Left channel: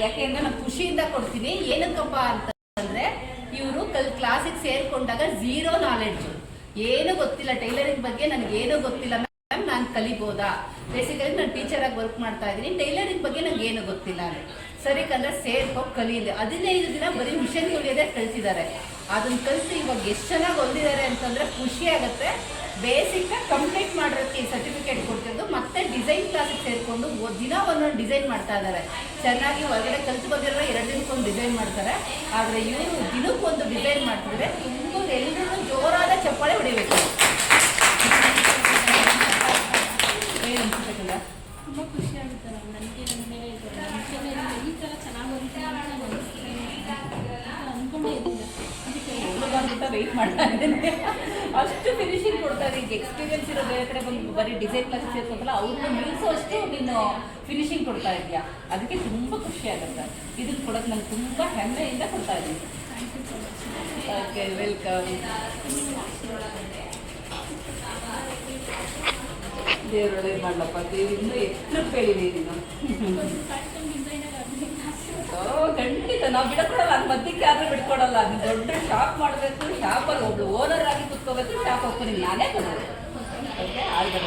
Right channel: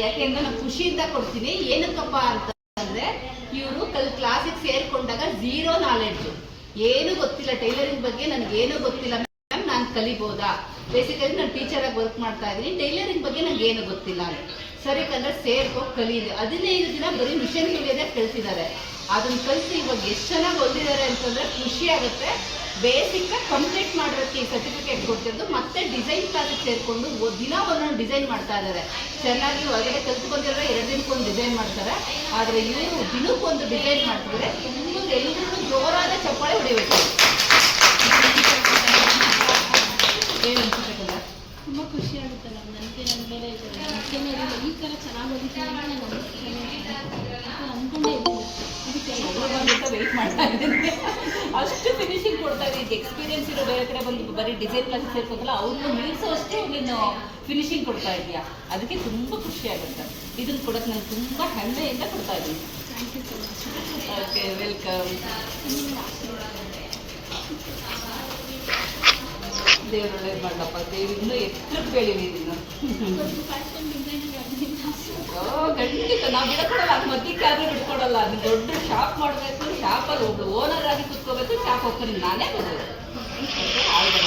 ಯಾಕೆಂದ್ರೆ ನಾನು ಖುಷಿಯಿಂದ ಕೊಡ್ತೀನಿ. ಏನಕ್ಕಪ್ಪ ಅಂತಂದ್ರೆ ಇವರು ಕ್ಲಾಸಿಗೆ ಸೇರ್ಕೊಂಡಾಗ ಝೀರೋ ನಾಲೆಡ್ಜ್, ಏನು ಗೊತ್ತಿಲ್ಲ ಟೈಲರಿಂಗ್ ಬಗ್ಗೆ, ನನಗೇನು ಗೊತ್ತಿಲ್ಲ ಮ್ಯಾಮ್, ನಾನು ಕಲಿಬೋದಾ? ಬೇಸಿಕಲಿ ನಾನು ಟೀಚರ್ ಆಗಿ ವರ್ಕ್ ಮಾಡ್ತಾ ಇದ್ದೀನಿ, ಟೈಲರಿಂಗ್ ಬಗ್ಗೆ ನನಗೆ ಏನು ಗೊತ್ತಿಲ್ಲ ಅಂದ್ರೆ ಸರಿ ಕಂದ್ರೆ ಸೇರ್ಕೊ ಕಲೀಲಿ. 15 ದಿನ ಬರೀ ಮಿಷನ್ ಹೊಲಿಯೋದೇ ಕಲ್ತಿದ್ದಾರೆ. ಅದನ್ನ ಕಲಿಸಿ ಇವಾಗ ಎಷ್ಟು ಚೆನ್ನಾಗಿ ಹೊಲಿದಿದ್ದಾರೆ ಅಂತಂದ್ರೆ ಖುಷಿ ಆಗುತ್ತೆ. ಬೇಸಿಕ್ ಕಂಪ್ಲೀಟ್ ಮಾಡೋಕ್ಕೆ ಈ ಸರ್ಟಿಫಿಕೇಟ್ ಕೊಡ್ತಿದ್ದು, ಮತ್ತೆ ಡಿಸೈನ್ ಕ್ಲಾಸಿಗೆ ಸೇರಿಕೊಂಡು ದಿನ ಒಂದೊಂದು ಡಿಸೈನ್ ಮಾಡ್ತಾ ಇದ್ದಾರೆ. ಚೆನ್ನಾಗಿ ಹೊರಗಡೆ ಕಲ್ತು ಬಂದಿರೋ 2 ದಿನಕ್ಕೊಂದು ಡಿಸೈನ್ ಮಾಡ್ತಾರೆ. ಆದರೆ ಇವರು ದಿನಕ್ಕೊಂದು ಡಿಸೈನ್ ಮಾಡ್ತಿದ್ರೆ ಎಲ್ಲರೂ ಜೋರಾದ ಚಪ್ಪಾಳೆ ಹೊಡಿಬೇಕು. ಏನು ಅನ್ಸುತ್ತಲ್ಲ, ತುಂಬ ಖುಷಿ ಆಗುತ್ತೆ ನನಗೆ. ನನ್ನ ಮೇಲೆ ಈ ಥರ ಚೆನ್ನಾಗಿ ಹೊಲಿತೀನಿ ನಾನು ಅಂದ್ಕೊಂಡೇ ಇದ್ದೀನಿ. ಅದಕ್ಕೆ ವೆಯ್ಟ್ ಮಾಡ್ತಾ ಇದ್ದೀನಿ. ಅಷ್ಟು ಫಿನಿಶಿಂಗ್ ಕೊಡ್ತಾ ಇದ್ದೀನಿ. ಈಗ ಎಕ್ಸ್ಪೀರಿಯನ್ಸ್ ಇರೋ ಬೇರೆ ಕಡೆ ಬಂದು ಬರೀ ಡಿಸೈನ್ ಕ್ಲಾಸಿಗೆ ಸೇರ್ಕೋತಲ್ಲ, ಅವ್ರಿಗೂ ನಿಲ್ಸೋ ಅಷ್ಟು ನೀನು ಫಿನಿಶಿಂಗ್ ಕೊಡ್ತಾ ಇದೆಯಾ. ಅದಕ್ಕೆ ತುಂಬ ಖುಷಿ ಆಗುತ್ತೆ. ಇದನ್ನು ಕೊಡೋಕ್ಕೆ ನಾನು ತುಂಬ ಹೆಮ್ಮೆಯಿಂದ ಕೊಡ್ತಾ ಇದ್ದೀನಿ. Thank you so much. Okay, welcome. ದೇವರೊಳಗೆ ಮಾಡಲಪ್ಪ, ದೇವ್ರು ಇನ್ನೂ ಎಷ್ಟು ಬೆಳೀಲಿ ನೀನು. ಖಂಡಿತ ನಾವು ಬಿಡಕೊಡಲ್ಲ, ಮಧ್ಯಕ್ಕೆ ಯಾರು ಬಿಟ್ಕೊಡಲ್ಲ. ನೀನು ದೊಡ್ಡ ಶಾಪ್ ಮಾಡಬೇಕು, ಶಾಪಲ್ಲಿ ಒಬ್ಳು ಓನರ್ ಆಗಿ ಕೂತ್ಕೋಬೇಕು, ಶಾಪ್ ಓಪನಿಂಗ್ ನಾನೇ ಕೊಡಬೇಕು. ಆಯ್ತು.